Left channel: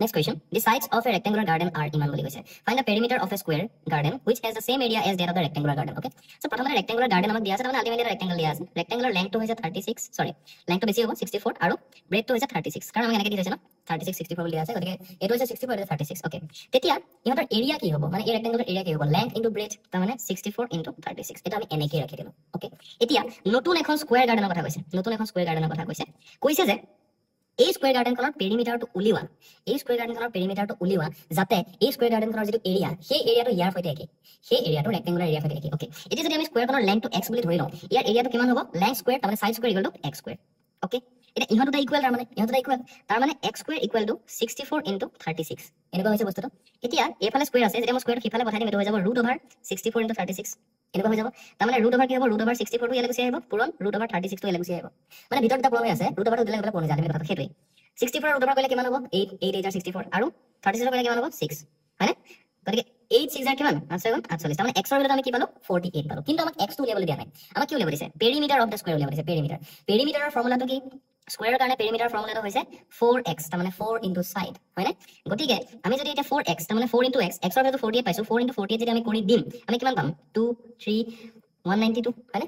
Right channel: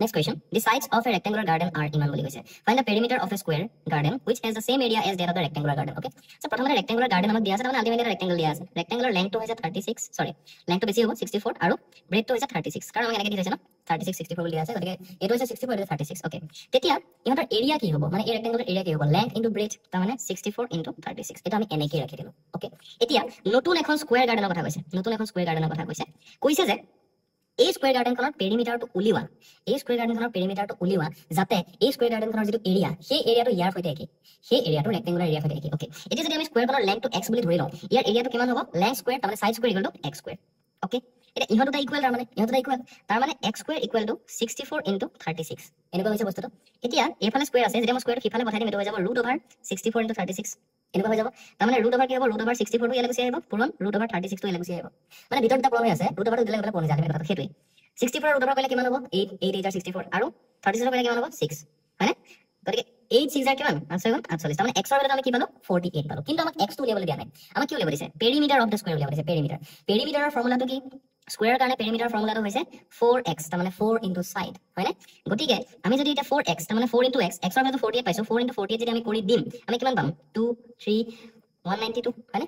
Next question. The sides of a rectangular garden are ইমান বুলি কৈছে. Find the perimeter of a square garden which has the same area as that of the rectangular garden. Okay. So প্ৰথমতে rectangular garden আমাক দিয়া আছে মানে ultimately rectangle দিয়া আছে. Rectangular length টো হৈছে 36, sorry. Length টো বেছি হ'ব 64 আৰু breadth টো হৈছে 36. কাৰণ আমাক এনেকৈ দি হৈছে না 36 64 বুলি দিয়া আছে. গতিকে এটো হৈছে 64 আৰু 36. Okay. তেতিয়া ইহঁতৰ এৰিয়া কি হ'ব? মানে এই rectangular এৰিয়া কি হ'ব? Length into breadth তাৰ মানে 64 into 36. এটা আমি এনেকৈ ৰাখি দিলো. Okay. এতিয়া নতুন এখন স্কয়াৰ গাৰ্ডেনৰ কথা কৈছে. নতুন এখন স্কয়াৰ গাৰ্ডেনৰ কথা কৈছে যে এই স্কয়াৰ গাৰ্ডেনখনৰ পেৰিমিটাৰটো উলিওৱা এই স্কয়াৰ গাৰ্ডেনখনৰ পেৰিমিটাৰটো উলিওৱা যাতে এই স্কয়াৰ গাৰ্ডেনখনৰ যেটো এৰিয়া সেই এৰিয়াটো ইয়াৰ সৈতে একে সেই এৰিয়াটো ৰেক্টেংগুলাৰ এৰিয়া সৈতে একে ওকে এতিয়া যদি আমি স্কয়াৰখনৰ লেংথটো x বুলি ধৰি লওঁ ইয়াৰ এৰিয়াটো কিমান হ'ব লেংথ স্কয়াৰ তাৰমানে side square equal to x square okay এটা ইহঁতটা ইকুৱেল তাৰমানে x square equal to 64 into 36 এনেকুৱা হৈছে বস্তুটো এতিয়া এফালে স্কয়াৰ আছে যেতিয়া মই স্কয়াৰটো সিফালে বহাই দিম এটো হৈ যাব √64 into 36 এনেকুৱা হৈ যাব তাৰমানে √over কি হ'ব √64 টো ইয়ালৈ গুচি আহিব পুৰণ √36 টো ইয়ালৈ গুচি আহিব মানে ভিতৰত এটা প্ৰমাণ আছে √over টো দিলে গলে কোনে জানে কথাটো সেইটোৱে 64 √over কৰিলে কিমান হ'ব 8 64 আৰু 36 কৰিলে কিমান হ'ব 6 হয়নে গতিকে 8 6 কিমান 48 তাৰমানে x ৰ ভ্যালু আমি কি পালো 48 পালো কিন্তু আমাক x টো উলিয়াবলৈ দিয়া নাই আমাক কি উলিয়াব দিছে পেৰিমিটাৰ অফ দা স্কয়াৰ উলিয়াব দিছে পেৰিমিটাৰৰ ফৰ্মুলাটো কি স্কয়াৰ কাৰণে পেৰিমিটাৰ ফৰ্মুলাটো হৈছে 4x তাৰমানে 4 into side হয়নে গতিকে আমি যদি এটা 4x তাৰমানে 4 into x x ৰ ভ্যালু 48 পাইছো 4 into 48 যদি আমি কৰি দিম আমি কিমান পাম 2 3 192 হয়নে